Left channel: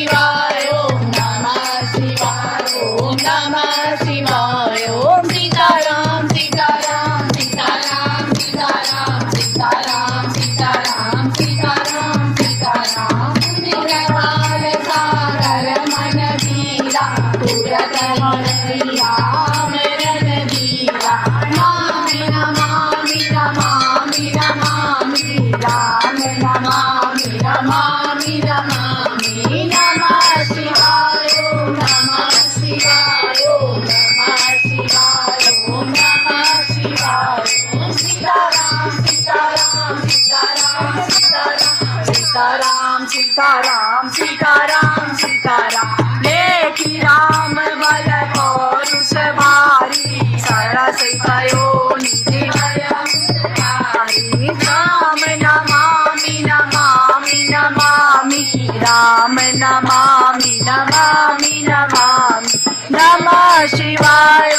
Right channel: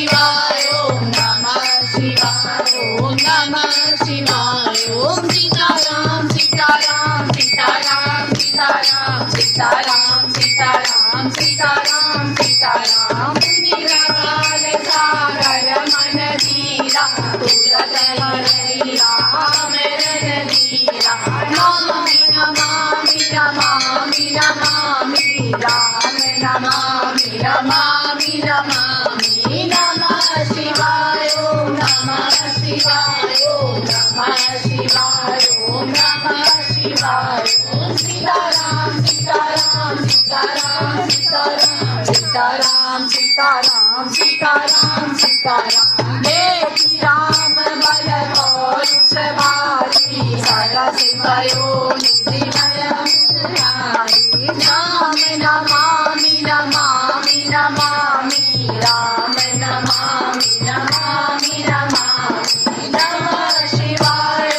शिवाय ओम नमः शिवाय ओम नमः शिवाय ओम सीताराम सीताराम सीताराम सीताराम सीताराम सीताराम सीताराम सीताराम निराल सागर मन धीरा तुरत हरिया मेरन धीरा नमामि नमामि नमामि नमामि राम नमामि नमामि नमामि नमः शिवाय ओम नमः शिवाय ओम नमः शिवाय ओम नमः शिवाय ओम सीताराम सीताराम सीताराम सीताराम सीताराम सीताराम सीताराम सीताराम देखी राम बल पौरुष भारी सरस कयो निधि हरि राम नमामि नमामि नमामि राम नमामि नमामि नमामि नमः शिवाय